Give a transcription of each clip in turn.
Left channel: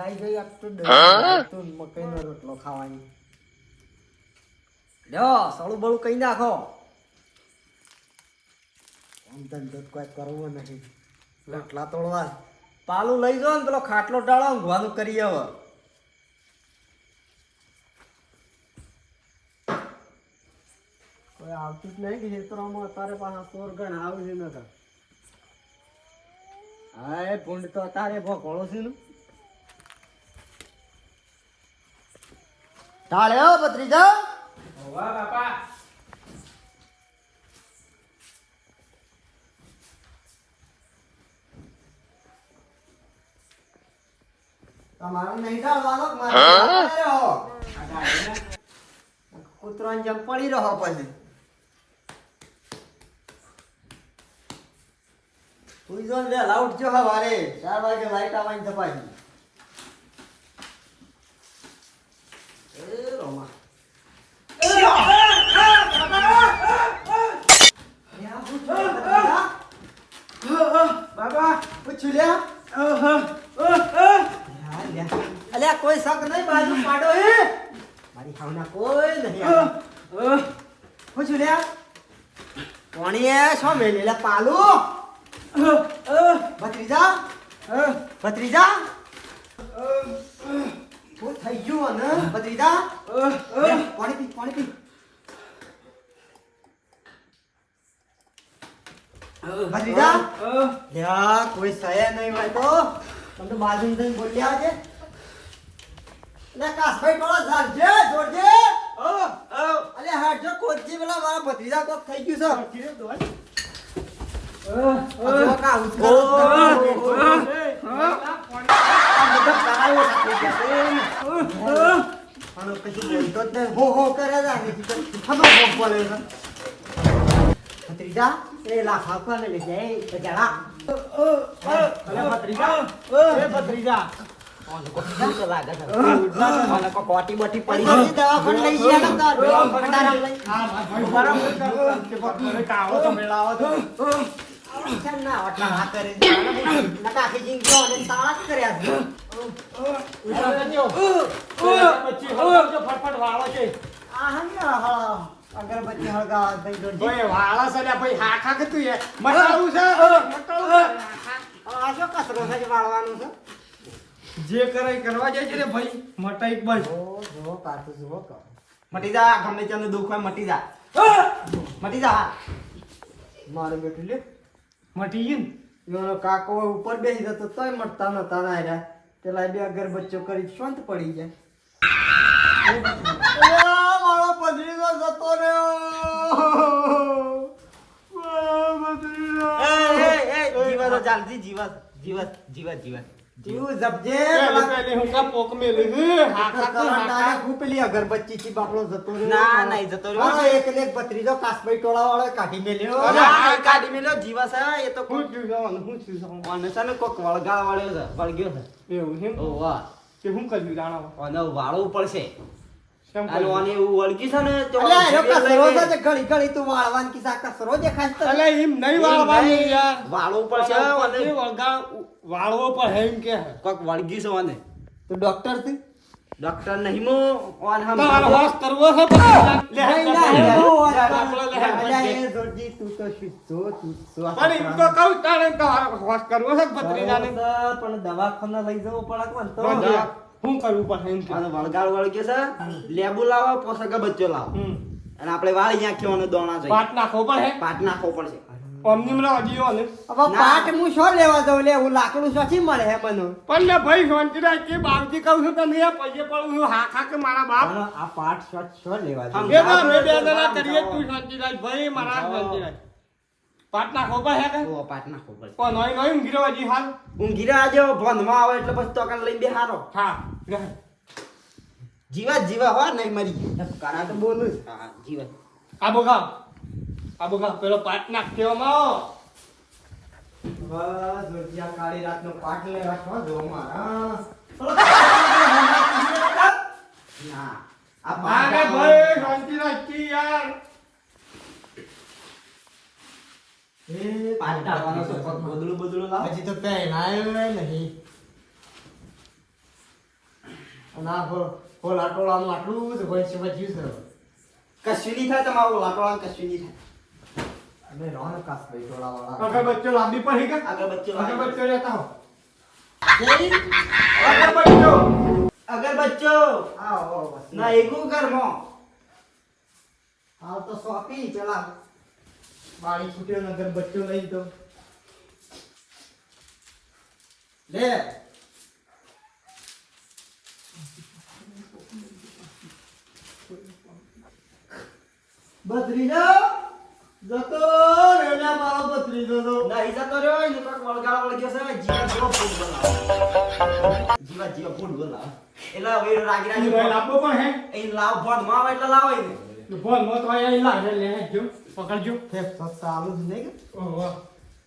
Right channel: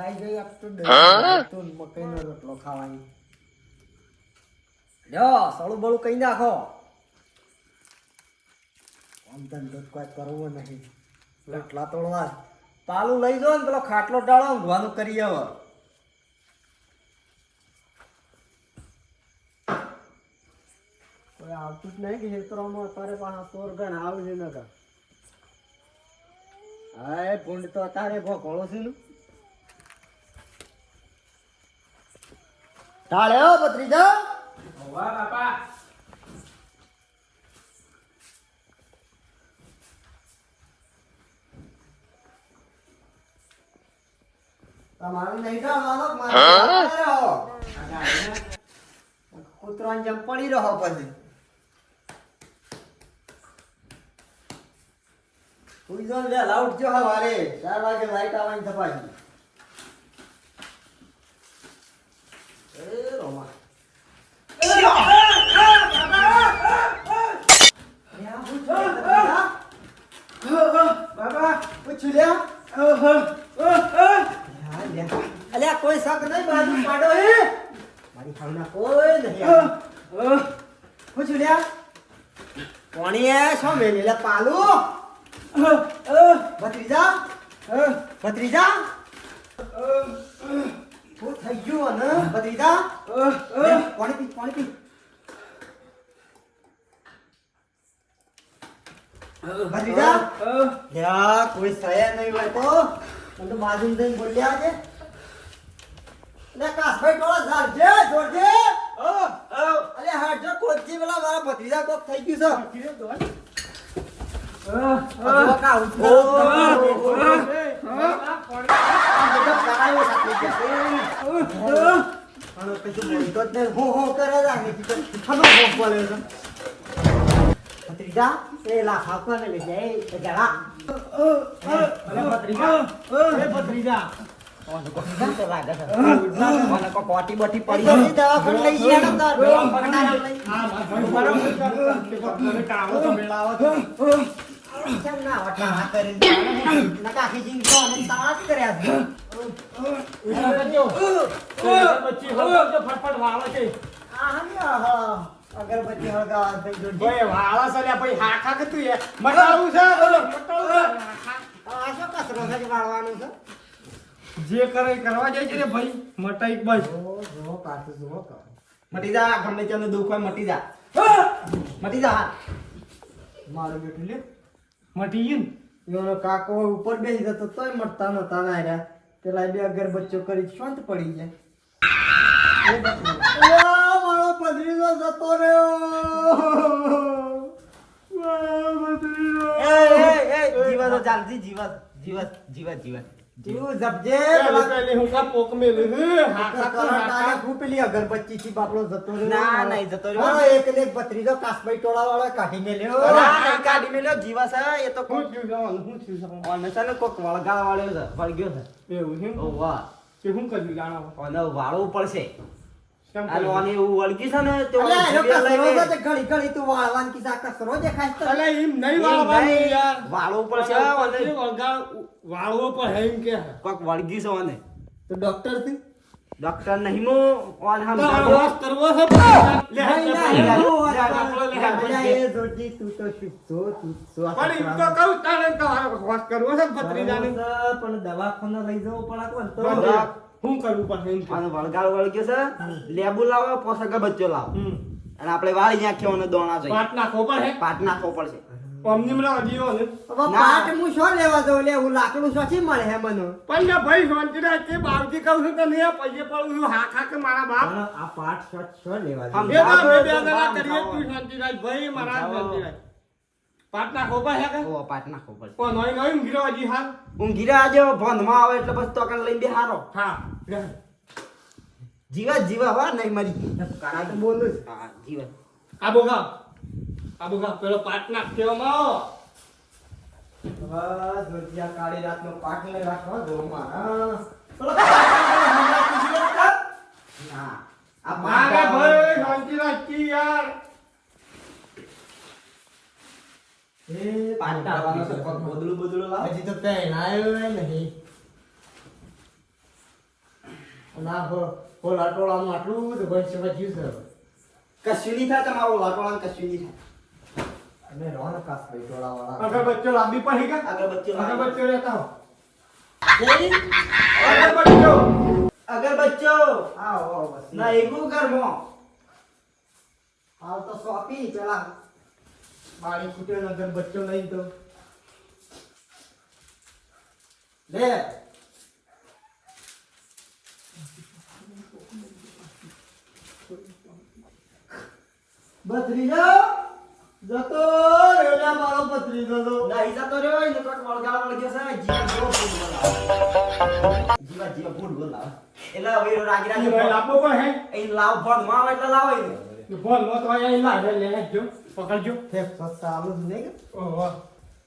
જાય ગઈ આપ તો મકઈનો રોટલો ખાવાની. લ્યો સળું બળું કઈ નાખો. આમ ધંધો કોઈ કરવો નહીં. રોટલા તોડવા પાલું લઈ જાઓ ને પેલો ખાટલો ટાળો ઊંઘવાનું કરી હવે. કોઈ આવતું જ નહીં કે ક્ષેત્રોમાં અત્યારે પાછા ચોર ગણ આવી છે નકર. હા એ ભૂંડ તો અત્યારે ભોગોળો છે ને. તાળે હો ભત્રીજા. વાહ બાપા. તમારે નહીં જવાનું મારે કૂતરાની જેમ પડી રહો પછી. તું જો લે લાઉટ જો હવારે 4 વાગે લાઈટ આવવાની તપાસી. એ રોમા બાબા પૂછ્યું લે. અલ્યા કોઈ શક નહીં બાજુ પાડો હે મારી ખાવના કોઈ નહીં. પૂછ્યું લે કોણીએ શું મેલે લે પાલુ ભત્રીજા ભત્રીજા શું થઈ ગયું ને ભત્રીજા? પાણી પી પાણી પી. ભત્રીજા લ્યા કોઈ સયા નહીં હોય તો તમે બાજુ જઈને બોલ્યા છે ને કાસભાઈ ટોળા ઝાડજે જોડજે. અલે હાડજો કોચી પેલા મારા ભત્રીજા કોક થઈ ગયું છે. ભત્રીજા એ લાખ આપવા ને લઈ જાય જરા. ભત્રીજા કોટી બોટી પડી ગઈ દવાખાને લઈ અગરબત્તી હળગાવા વાળા સલ્યા ભાઈ હાખા કે તું મટાડું છે આ શું કચરો છે વાળવાનું છે? જે કરે કરવા જાય છે રે ભાઈ મટાઈ બસ. જો કાઠું જુઓ મટી જા. ગમે તેનું દુઃખ હોય મટી જા. મટી જા. મારું બેઠું લે મટી ગયું ને એનો કાકો ઉપર બેસી જતો તોય મટતા નતા ના રહ્યા. પેલા બે અગરબત્તીઓ કરી શાંત પડી જાય. મારો પધરીનો જતો રહ્યો. જીવત ચાલતી જીવત જીવત જીવત જીવત જીવું જપજે. હું કા પોક મેલી પેલી અગરબત્તી થી બાપડો જતો રહ્યો. ના નહીં જતો રહ્યો. એક ને એક ભત્રીજો કાસભાઈ ટોળા વાળો કાઢી મેલ્યો. કાઢી મેલ્યો જીવસ હે એ તો હું છું કોક વળગાળ વાળ્યો છે વળગ્યો છે. એવું છે ઓ વાહ કે હું કર્યું જાણો અને વાળવું પડશે. કેમ આને એવું વળગી છે ને તો ઘડી ઘડી તું વાળવાની કીધા કસરો દેખાય છે. અલે એમ નહીં વાળવાનું યાર વાળવું પડશે અને વાળવો પણ હે એમ કે કોક વળગી છે અને તો ડોક્ટર થી ડોક્ટર નહીં મો ઓન હમ વાસ કરવો છે તું તો શીખતો તું પણ એમ તો કહું તારે વાસ કરવો છે ભત્રીજાને પણ દવાખાના લઈ જવો પડે કોણ તો શું કરવું પડે એમ અને વળગાળ વળગ્યો છે લેબુ લાવો પોસક બચ્ચો લાવો અને આપણે વાળી નાખ્યો દોણા જોઈએ. પાટ નાખવો પડે પાટ નાખવો પડશે. અમની મને અજીઓ ને હવે પાટ હું શું લેવા દઉં લે હું લાકડું સાચી મળે હે બનો પણ ને ભાઈ શાંતિ રાખ કે બાપજી કહું છું તને આ પૈસે પડું છું હા કે મારા બાપ આ પાટ શું લેવા દઉં? એ તો બે જણા કરીએ તું શાંતિ રાખ ભાઈ મારા શાંતિ રાખ પાટ નાખવો પડે કે ઓ પાટ નાખવો પડશે. પણ નહીં નહીં ઊંઘી હજી હાલ ઊંઘી રહ્યા જો ભંધમાં આવે એટલે બસ તો કણ લઈને બેહારો. હા જીવત જીવા હો નહીં મરી ગયું કારા તો બોલું હા જીવત. આ બોગા પેલો પાટ નાખ કેવામાં બસ જોજિયા કાળી રાતનો પાટ લઈ રાખવા દો મારા. ના આ મારે ભાઈ શાંતિ રાખી યાર એ પાટ ડાળવાનો છે બદલું લાવ. હજી તો કઈ ના આવ્યો નહીં. અને આ હોલા ટોળાનું આટલું બધું ભવિષ્ય વધ્યું છે કશું નહીં થાય તમારું લાટોળા કશું નહીં થાય અમે રહો ને કાસભાઈ ટોળાવાળા અગરબત્તીઓ લાંબી પડી કે અગરબત્તીઓ લેતા હો અગરબત્તીઓ આવો બસ ના એકું ઘરમાં હાલ તો સોંપી ચલા બાળી છૂટે ને અગરબત્તીઓ લઈ દો લે બત્રીજો જતો રેલા મારો બત્રીજો તો નહીં જતો રહ્યો ને તો વળગાળ વળગ્યો છે જીવા ફૂલ બોલાવ એટલે હવે રાગી રાગી ભાઈ લાંબો પણ હે એ લાવ ફોન માં આવે એટલે લાવો એને બોલ નો તો અહીં લાગે લે જો પકડજો ફેફ ચાલુ જ નહીં કે ઓહો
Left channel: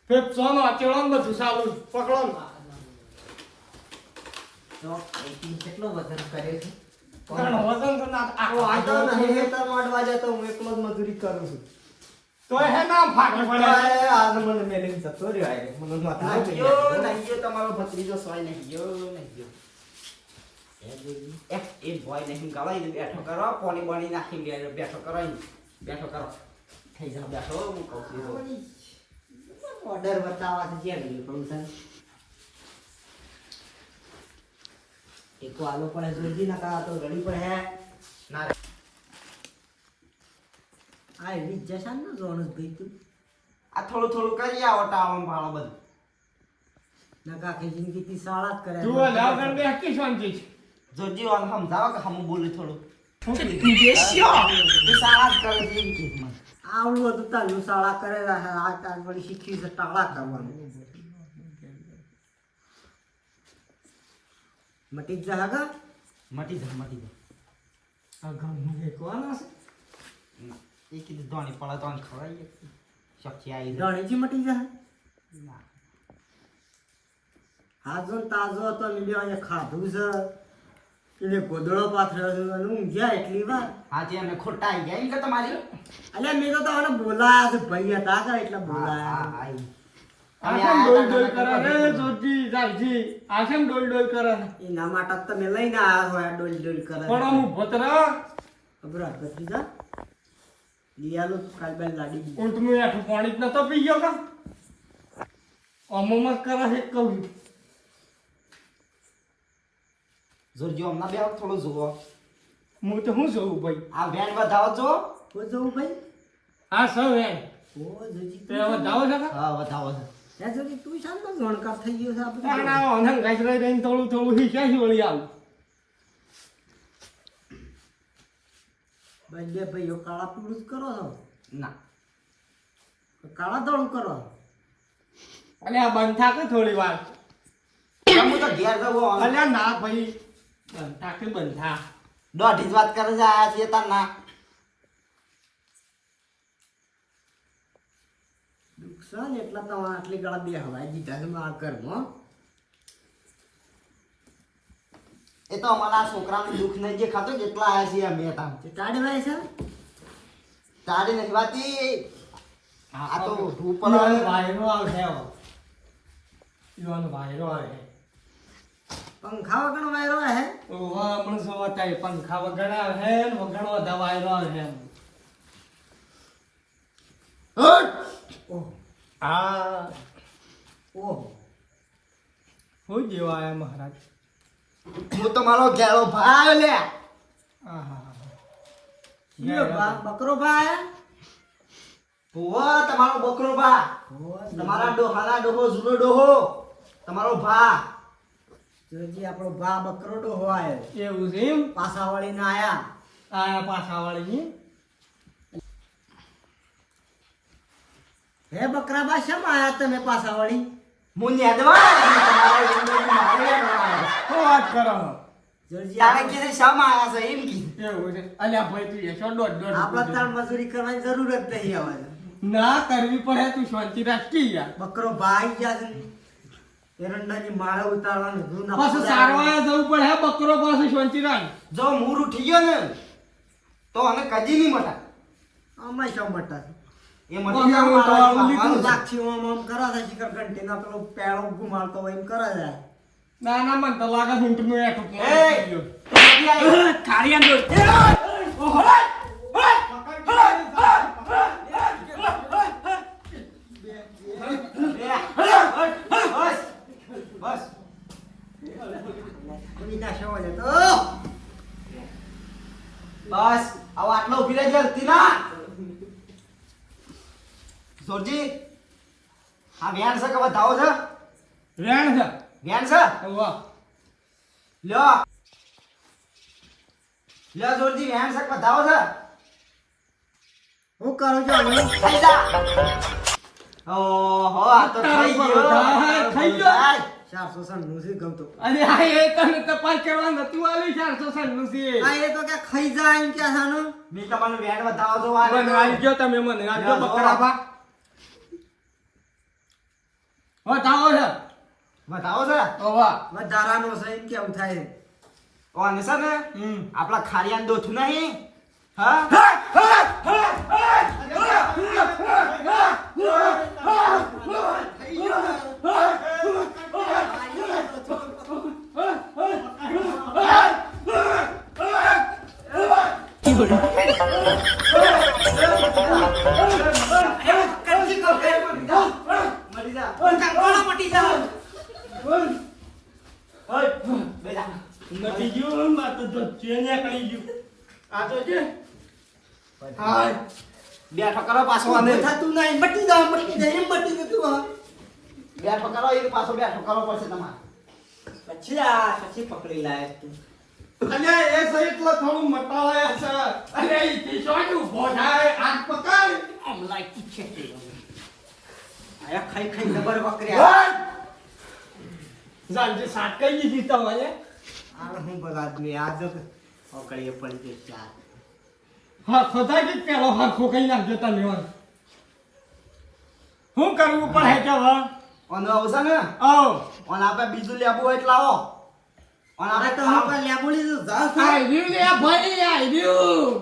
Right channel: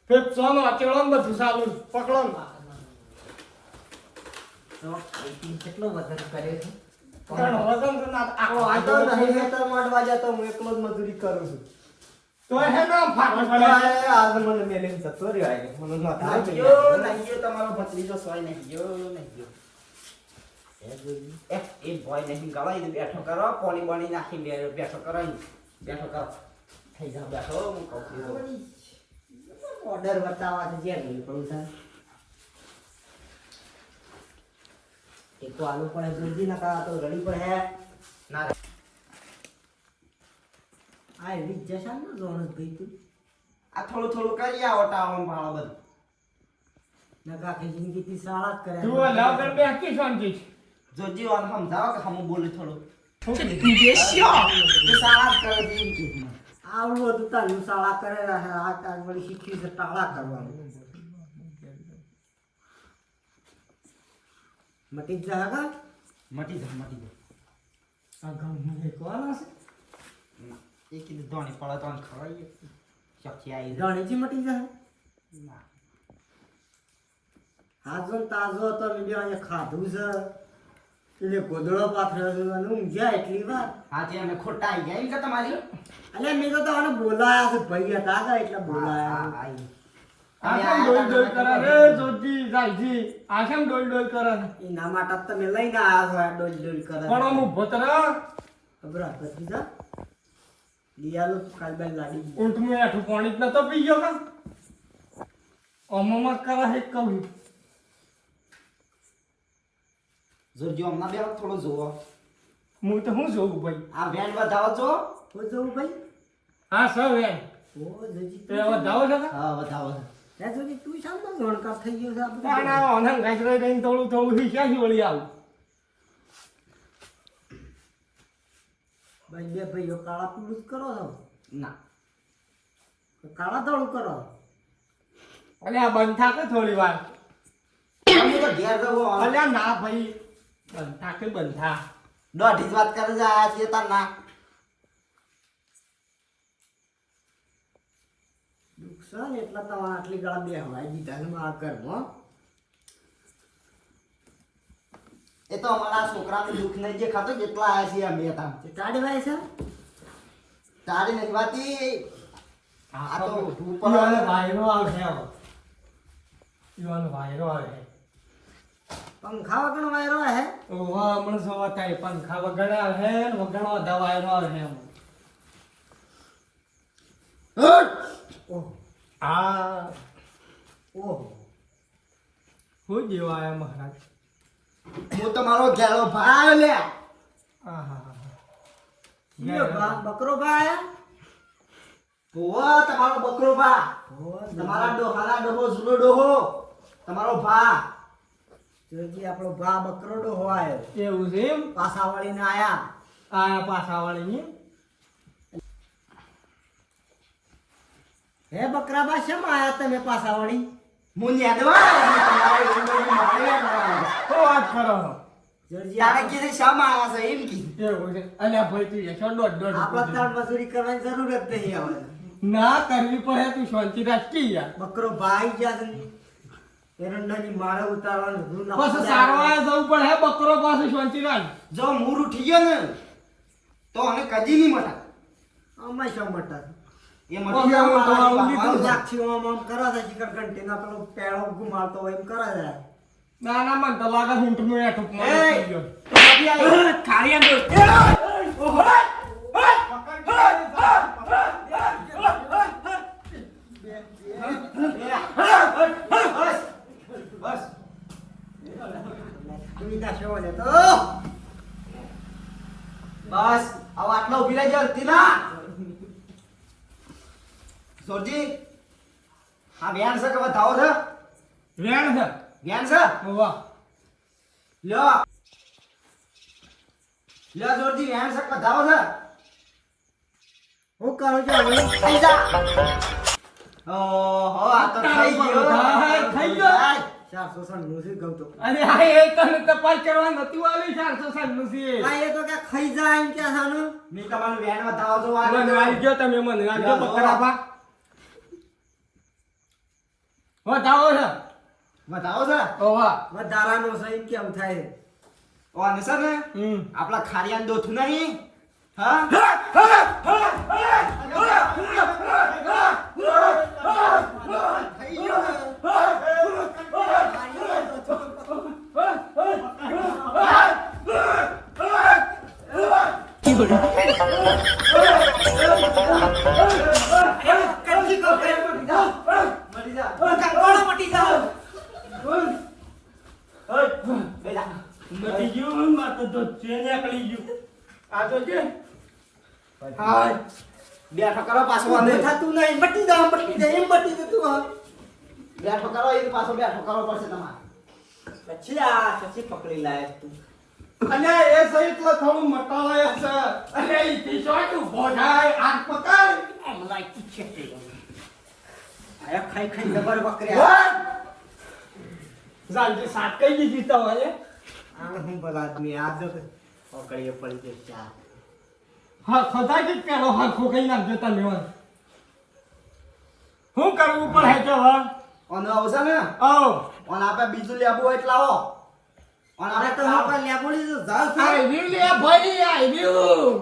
ફેપ સોનો અચેળો બધું સાલું પકડો ને તો એથી કેટલો વજન કર્યો છે પણ વજન તો ના આ તો નહીં હેતર માંડવા જતો હું એકલો જ મજૂરી કરું છું તો હે ના ફાટી પડે આજ મને મેલીને જતો રહ્યો આય મને ન થાય નહીં ગયો તમારો ભત્રીજો સોય નહીં ગયો એ બોય નહીં ગળાઈને બેઠો કરો પોણી બોણી નાખીને બેઠો કરો બેઠો કરો થઈ જાવ બેઠો હું કહું છું ઓર્ડર બતાવવા છે જે પણ છે એક આલુ પડે જલ્દી ના કરા તો રડી પડે ના આ એવી જશાન ન જોણસ ભાઈ તું આ થોડું થોડું કરી આવો ટાળો ભાળો બધું નકા કે જિંદગી થી સાળા જ કરે તું લાગણ બે હકી શાંતિ છે જોજી વાન સમજાવો કે હમ બોલે થોડું બેસ્યો સાળા જ કરે જિંદગી આવડું હતું તાલું સાળા કરે આ તાર વળી શીખ્યું છે ટાળા કરવાનું મટી જ જાય કા મટી જાય આ ગામ નું એકવાના છે ના એ કીધું ધોણી પડે તો ખવાય શક્તિ આવી ધણીજી મટી જાય ના હાજો તાજો તો લીધો અહીંયા ખાધું છે એટલે ગોદડો પાથર્યો છે અને ઊંઘ્યા એટલી વાર આજે અમે ખોટા આવી ગયા કે તમારી અલે મેં તો તમને બોલાયા છે ભાઈ હતા કે એટલે બોલાયા આખમ ડોલ ડોલ કરે રે જોજી જાલજી આખમ ડોલ ડોલ કરે એના માટે તમે લઈને આયા છો આ ડોલ ડોલ કરે પણ હું ભતરા ખબર હતી જા લીયાલો કાલબલ લાડી ઊંટ મે આઠું પાણી જ નતો પી ગયો કા અમોમાં કરે હે કહું જોરજો હમણાં બે થોડો જોવો હું તો હું જોઉં ભાઈ આ વેન વધાવો જો હો જોઉં ભાઈ હા સૌ હે ઓ જોજી તે વધાવો છે કા હા વધાવો છે હે જોજી તું શામનો જોણકાર થઈ ગયો છે આ બધું આના ઓનન ગાજરે રહીને થોડું થોડું હિસાસી વળી આવું ભાઈ બે ભાઈઓ કાળા પીળું જ કરો છો ના કાળા ધોળું કરો અલે આ બંધ થાકે થોડી વાર હું તો ઘેર જવો અલે ના ભાઈ બંધ થાકે બંધ થા દોઢી જ વાત કરે છે આ છે તાર ના દુઃખ છે ને એટલા તો આટલી ગાળા બે હવાઈ દીધા છે મારા ઘરમાં એ તો અમારા છોકરાનું દુઃખ નહીં જે ખાતો જેટલા આયા છીએ અમે હતા ટાડી વાય છે ટાડી નથી વાતી આ તો ઉપર ઈવાનો વાયરો આવશે ઈવાનો વાયરો આવે પંખા વગર વાયરો હે ઓવા મને સવાતા પંખા વગણા હે ને વગણો દવાયરો હે ઓહ આ ઓહ હું દેવાયા મહારાજ હું તમારો ઘેરો ભાઈ લે આહા યો બકરો ભાઈ ઓવા તમારો બકરો ભા તમારા ડોહાના ડોહો જૂનો ડોહો તમારો ભા જોજી આપણો ભા બકરો ડોહો આયો એવું છે એમ પાસા વાળીને આયા આયા પાછા વાળી હે બકરા બા શેમ આયા તમે પાસા વાળી હું નેદવા તમારા હો વાત કરો જોજી તારે કીધે શેમ આયા છે એમ કી એવું છે અલ્યા ભાઈ તું યશો દોડ દોડ આપણે તાર મજૂરી કરવાની જરૂર જ નહીં આવે ના કરવી પડે તું શાંતિ રાખી યાર બકરો ભાઈ ગયા છે એરંડાની માળે ઉતારવાનું ગુણ ના પાછું સારવા જવું પડે હે બકરો પાછું શાંતિ રાખ જો મૂર ઉઠી ગયો ને તો અમે કદી નહીં મટા અમે શું મટા એ મટી અમે તો આવું ગયો લીધું. લાક્ષી આમ આમ કરા છે શિખર ઘંટીના પેલો પેળો ઘુમાડતો હોય એમ કરે છે ના ના મને તો લાગે ઊંટનું એઠું એ નથી આવી. ખારિયા દોસ્ત બસ સુવિધા છે ઓલે તો બસ આ આટલો ઉભી રહેજો તીના સોરજી હા વ્યાન છે કે બતાવો છે વેણ છે વ્યાન છે વાહ લ્યો લ્યો સોરજી વ્યાન છે કે બતાવો છે હું કરું છું હવે થઈ જા ઓહો આ તો થઈ ગયો થઈ ગયો. 400 નું છે ગમતો અરે આ એ તને તપાસ કરવા નતું આલી 400 નું છે આ એ તો કે ખાઈ જાય એમ કે સાનું મેં તમારું વેણ બતાવો તો મને આવી ગયો તમે મને રાખજો બકરાભા બતાવો છે બતાવો છે ઓ વાહ વધારાનો છે એમ કેમ થાય ઓને છે ને આપણા ખારિયાન દોથું નહીં હા મટી ગયું માતો તો ચેને કરી ગયું આ તો છે હાય બેઠો કરો પાછો અંદર થતું નહીં મટી જા એમ મટી જતું હા બેઠો કરો એ પાછો બેઠો કરો પડશે તમારે પછી આ પછી પકડી લાય તું અને એ સહિત તો થોડું મટાવાય છે અરે ઈ ટીશર્ટ ઉભો થાય આગ પકાય આમ લાઈટ છે આયા ખાઈ ખાઈ જબર બકર્યા જાનજી સાત કઈ દીધી તો હવે આ હું બલા આદમી આ જો પકડીએ પડી ગયો ચાર હા ખોદા કે પેલો હાથો કઈ નાખજો તમે હું કરવું પડે કે હવે ઓનો આવશે ને આવ ઓન આપણે બીજું લેબુ હોય એટલે આવો ઓન આપણે તો હું પર લેબુ લીધું જાલ છે આઈ રહ્યું લે ભાઈ આઈ રહ્યું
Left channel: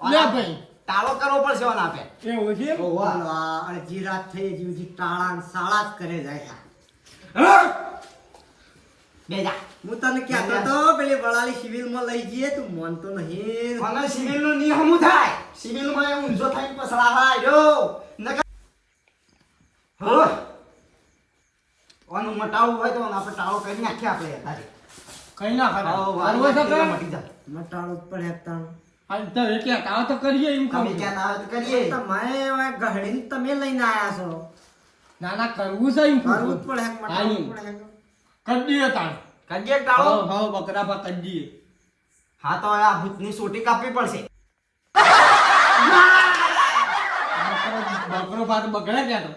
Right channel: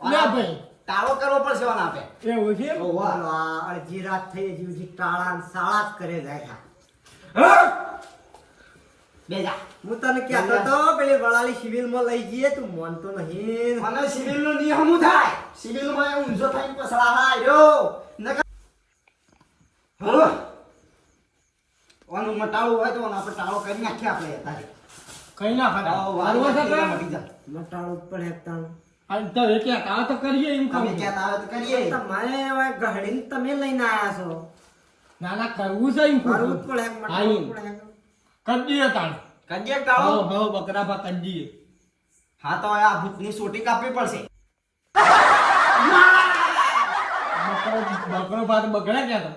લે ભાઈ તાળો કરવો પડશે ઓન આપે એવું છે ઓવાનો આ અડધી રાત થઈ જીવજી ટાળા ને સાળા જ કરે જાય થા બેજા હું તને કહેતો તો પેલી વળાલી સિવિલ માં લઈ જઈએ તું માનતો નહીં મને સિવિલ નું નિયમ થાય સિવિલ માં ઊંઝો થઈને પસળા હાયો નકા ઓનું મટાળું હોય તો આપણે ટાળો કરી નાખીએ આપણે તારે કઈ ના કરવો છે તો મટી જા મટાળું ઉપર હેકતા આ તો એ કે કાવ તો કરીએ એમ તમે કહું ક્યાં આવે તો કરીએ તમે હવે ગહડીને તમે લઈને આયા છો ના ના કરવું છે એમ કરવું જ કહું પડે મટાળું પડે કદીએ તાણ કડીએ હા ટાળો હા બકરાભા કદીએ હા તો આ ભૂતની સોટી કાપવી પડશે બકરો ભાત બગડે ક્યાં તો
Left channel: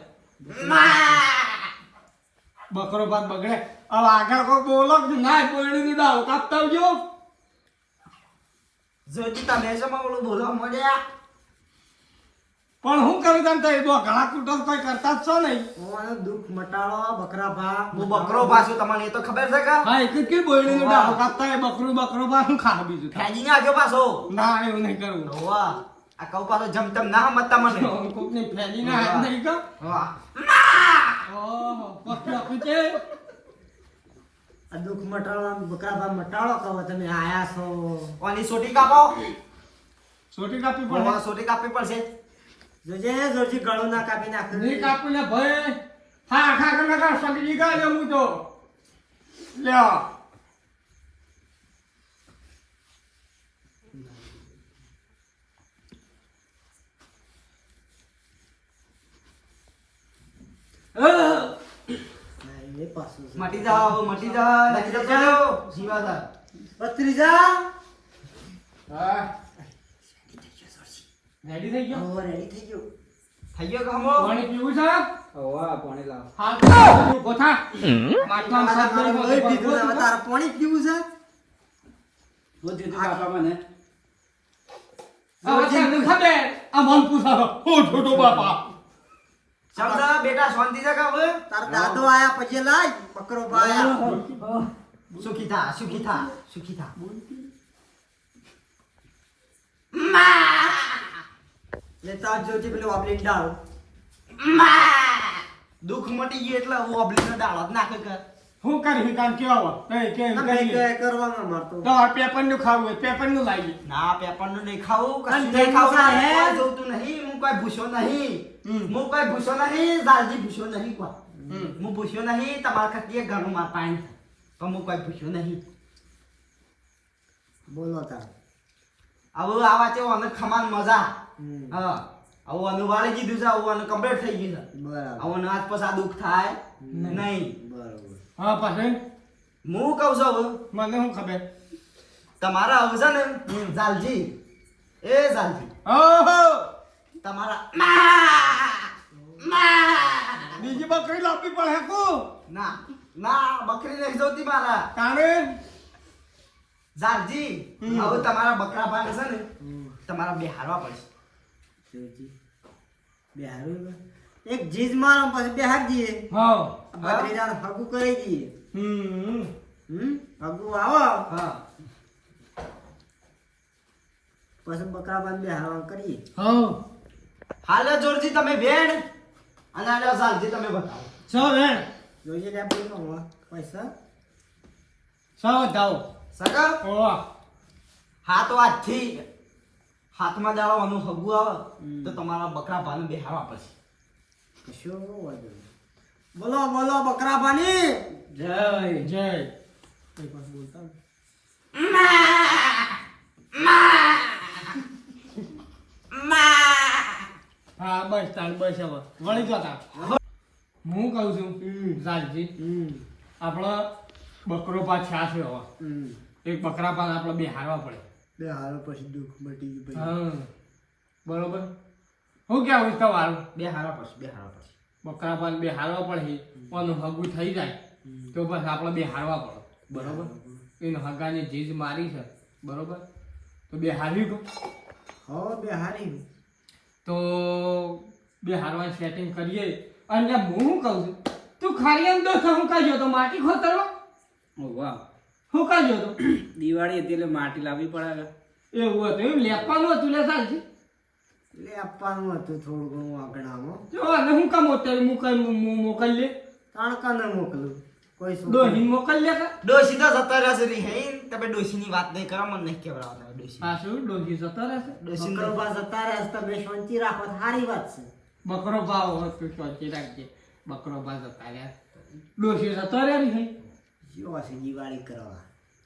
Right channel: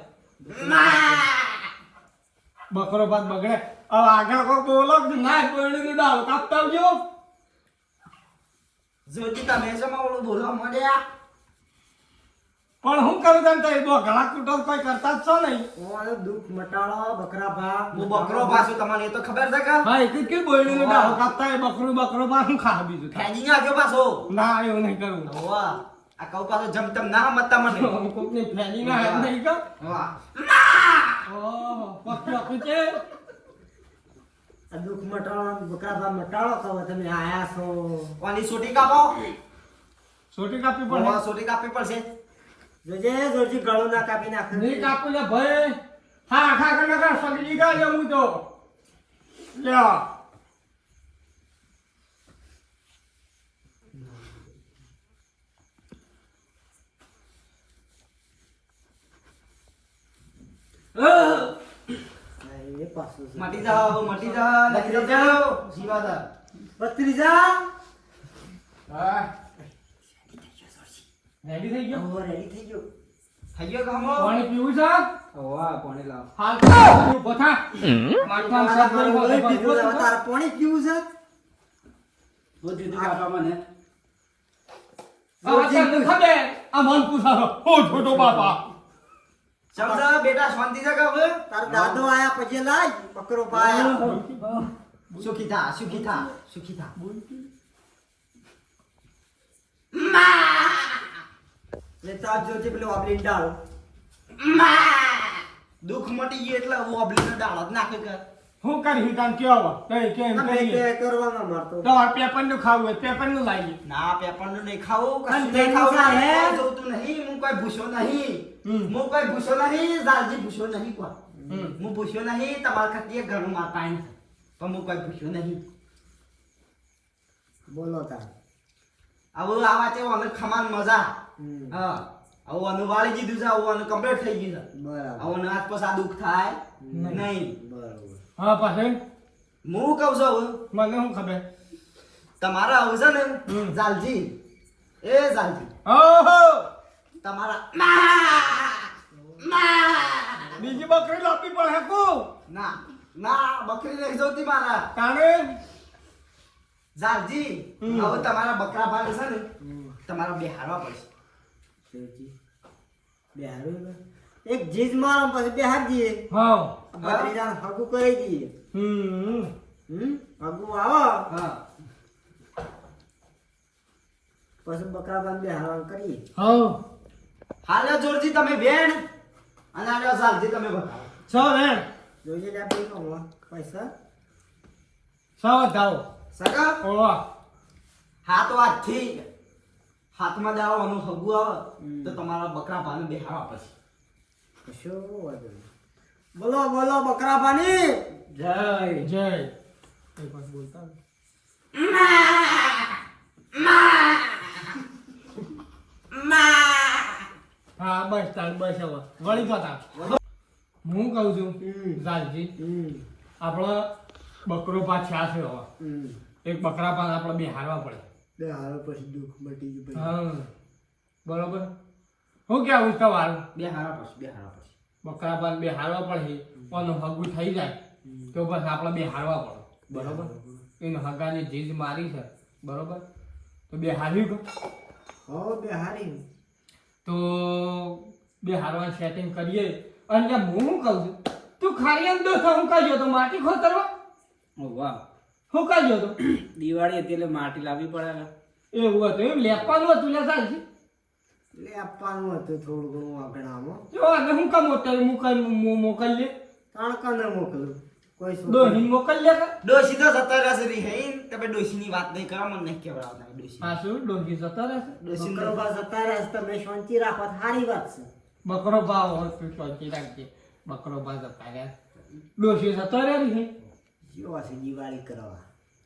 બકરો ભાત બગડે હવે આગળ કોઈ બોલો કે ના બોલણી ની દાવ કાપતા આવજો જોજી તમે શેમાં ઓલું બોલવા મળ્યા પણ હું કરું તને તો એ ઘણા કુટુંબ કોઈ કરતા જ છો નહીં ઓનો દુઃખ મટાળો બકરા ભા હું બકરો પાછું તમને એ તો ખબર છે કે હા એક કે બોલણી ની દાવ કાપતા એ બકરો ભાત હું ખા બીજું ફેજી ને આજો પાછો ના એવું નહીં કરું વાહ આ કઉ પાછો જમતમ ના મતતા મને કોક ની ફેરી ના હાથ નહીં કા વાહ ઓહો પક્ષી આપી છે આ દુઃખ મટાળો બકરા ભા મટાળો કહો તમે આયા છો ઓની સોટી કાપો છોટી કાપી પણ પણ સોટી કાપવી પડશે જોજે જોજી ગળું ના કાપી નાખ નહીં કાપી લે ભાઈ હા આખા કના સગડી ગાય હું તો લ્યો મટી જાઓ મટી જાઓ જીવા થા ભત્રીજા હા રેડી થઈ ગયો ઓ રેડી થઈ ગયો કે હમો પાણી પીવું છે ઓવા પાણી લાવ હાલ ઉભો થા માટલામાં સાત ગળી હોય તારા પાણી પીવું છે બહુ દીધું કાપા મને આ તને ખબર આ મન પૂછારો ઓ છોટો બાપા શબ્દ બેટા શાંતિ છે કે હવે તાર દાદો આયા પછી લાય બકરો પાયા સુખી થા લે તાર જોજી પેલો ઓબલીન ડાળ દુઃખ મટી ગઈ એટલે ઓબલીન ડાળ જ નાખે કે હું કરી કામ કેવા તઈ કે એમ તમે કહીએ કે કરવાનો મારતો તો પેપર નું ખાવું હોય પેપર નું લાવીએ ના પેપરનું નહીં ખાવું અને કશું નહીં તેનું ખાવું સાહેબ? કોઈ જોતું નહીં હું કોઈ ભૂસ્યો નહીં હું કોઈ ભૂસ્યો નહીં જાલજી ભૂસ્યો નહીં કોઈ હું ભૂસ્યો નહીં તમારા ખતીએ ઘરનું માર પાણી તો હું કોઈ ભૂસ્યો નહીં બોલો તાર આવું આવા છે અને ખમાન મજા હા આવું અનુ વાળી દીધું છે આવું અનુ કમ્પ્લીટ થઈ ગયું છે બરાબર આવું આજ પછી આ દુઃખ થાય નહીં બરાબર હા પાછળ હું કહું છું હવે મને શું ખબર તમારા આવું છે ને જાલજી એ જાલજી ઓહો તમારા બીજી બકરી લાપી પડે કો ના ના બકરી નહીં જોતી મારા તારે જાલજી હવે તમારા બકરા ભાગ છે ને તમારા બે હારવા પડશે એક જીજ મારો પછી બેહાર દઈએ હા ભત્રીજાને હગું કરી દઈએ હગું આવો હા પછી બકરા બાંધ બેહારવાનું કરીએ હા હાલો જોરજી તમે બેન અને હાલો જાલજી તમે બતાવો સો વેણ જોઈએ લે આપણે કહો પૈસા સો વધાવો સગા ઓવા હાથ વાતથી હાથમાં જાળવવાનું હગું આવે તો તમારા બકરા ભાને બે હારવા પડશે કશો વાંધો નહીં. બોલો બોલો બકરા બાની જય જય કઈ પાસ બોલતા હોય. હા બસ તાર બસ હવે વળી જો તાર હું કહું છું જાલજી આપણો બકરો પાછા છે હવે એક બકરા પાન આપણે બે હારવા પડે બે હારો પછી દુઃખ મટી ગયું પછી. હા બરોબર હું કેવું તમારું બે હારવા પડશે બે હારવા પડશે બકરા પાન બે હારવા પડે પણ હગું થઈ જાય તો બસ આપણે બે હારવા પડે બરોબર એને હગાની જીજ મારી છે બરોબર તો બે હારી ગયો હો બે હારી તો બે હારવાનું સેટિંગ કરીએ અને હું શું કહું છું તું ખારિયાનો દોસ્ત હું કાઢ્યો તો માટી ખોતરવા ઓ વાહ હું કાઢ્યો તો દિવાળી હતી એટલે માટી લાવવી પડે એવું હતું એમ લેપાનું હતું લે સાલજી લે આપવાનું હતું થોડું ઘણું આંકડામાં જો આને હું કામ મોકલી લે તણકાને મોકલું કોઈ દોહીને મોકલી લે કા ડોશી તો જતો રહેશે રી હે તમે ડોશીની વાત નહીં કરો મને નહીં કેવડાવતા ડોશી આ શું ડોહી જતો રહેશે ડોશી બકરો બાજ અત્યારે જ તમે શાંતિ રાખો તો સારી વાત છે બકરો ભાવ હોય તું શાંતિ રાખજે બકરો ભાવ જતા રહ્યા ડોશી જતો રહે ને જો છે દિવાળી કરવા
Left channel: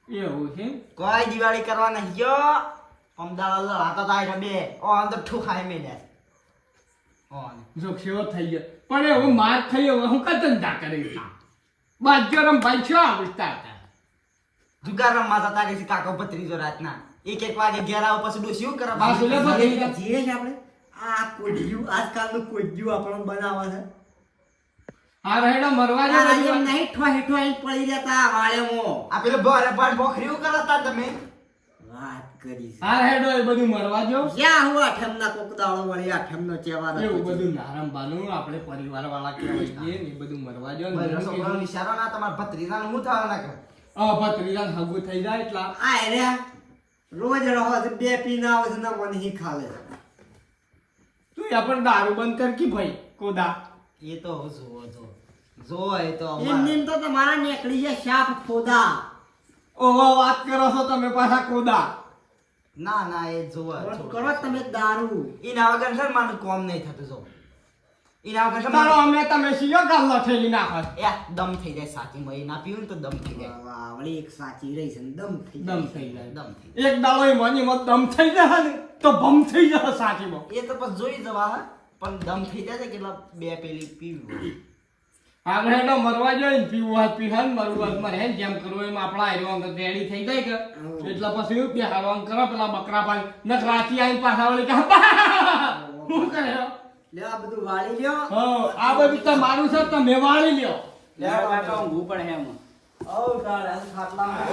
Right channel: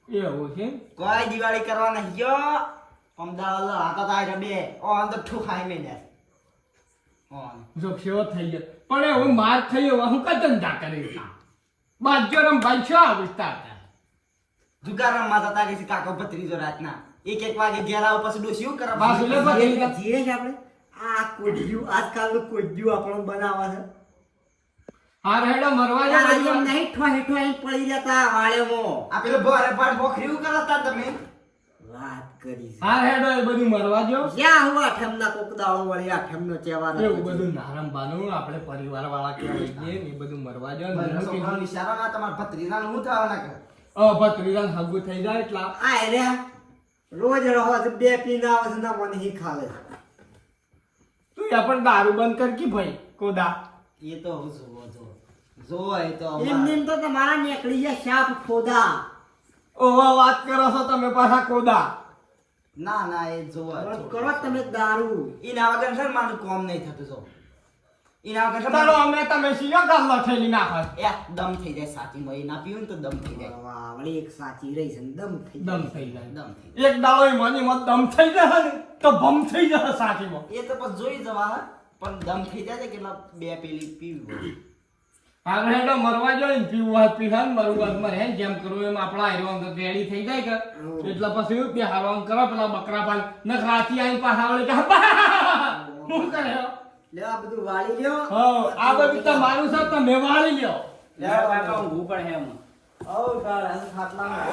એવું છે કોઈ દિવાળી કરવા નહીં ગયો અમદાવાદ લડાતા તા બે ઓ અંદર ઠુખાઈ મેલે ઓન જો સેવો થઈ ગયો પણ એવું માર ખાઈ હવે હું કા ધંધા કરી બાજ્યો રમ ભાઈ છો આ વિસ્તાર જુગાર રમવા જતા રહી કાકો ભત્રીજો રાતના એક વાગે ઘેર આવો પછી ડોશી શું કરે બાજુ લે બસ. જીરે છે આપણે આ કોજ્યું આજકાલનું કોજ્યું આપણને બનાવવા છે હા રહેડો મરવા આ જાય એમ નહીં ઠોઈ ઠોઈ પડી જતા વાળેમાં આ પેલો ભરે ભાડ બોખરી શું કરતા તમે વાત કરી છે હા હેડો એ બધું મરવા જો જ્યાં હું આઠમના કોક દાડો વળી આઠમનો તહેવાર હતો. એવું બધું નારામ બાનું આપણે પરિવાર વાળા કહેવાય છીએ ને એ બધું મરવા જો ભલે છોકરાનો ઈશારો ના તમારા ભત્રીજાનું હું થવા ના કરે ભત્રીજાન હગું થઈ જાય એટલા આ એર્યા રોજ રહો તો બે પીને આવે છે ના મને હી ખાલે તું પણ દારૂ બંધ કર કે ભાઈ કોદા એ તો હવે જોવો એ તો એમની તો તમારા નીકળી જાય શાપ ફોદા ઓવા વાત કરો છો તમે પાછા કોદા ના ના એ જોવો કરો તમે દારૂ એના વગર છે ને મારું કોમ નહીં થતું જો એના વગર છે ને ચાલો અમે તમે સીયો ગામમાં થેલી નાખો દમ થઈ જાય સાચીમાં એ ના પીવું ને તો દમ થઈ જાય વાહ, વળી એક સાચી રહી છે ને દમ થઈ દમ જાય. થઈ જાય દમ થઈ જાય એક દાડો ઈ મનીમાં દમ થઈ જાય ને તો ભમ થઈ જશે સાચીમાં એ તો પછી જોઈ જવા હા પણ દમ થઈ જાય છે કેટલા બે પેલી પીવું હા હેડો મરવા જોઈએ ને પીવું હોય પીવા ને મરવું હોય મરે ને જેમ કરવું એમ આપણા આયરો રેડી થઈ જાય કે એટલે પછી એવું કે હારવામ કરો પેલા બકરા પાન ન રાતી આવી પાછા વળી કે હું કરે લે આ બધું વાળી લ્યો હો આ બધું તમારું છે તમે વાળી લ્યો ઊંઘવું પડે એમ ઓ તાર ખાટલામાં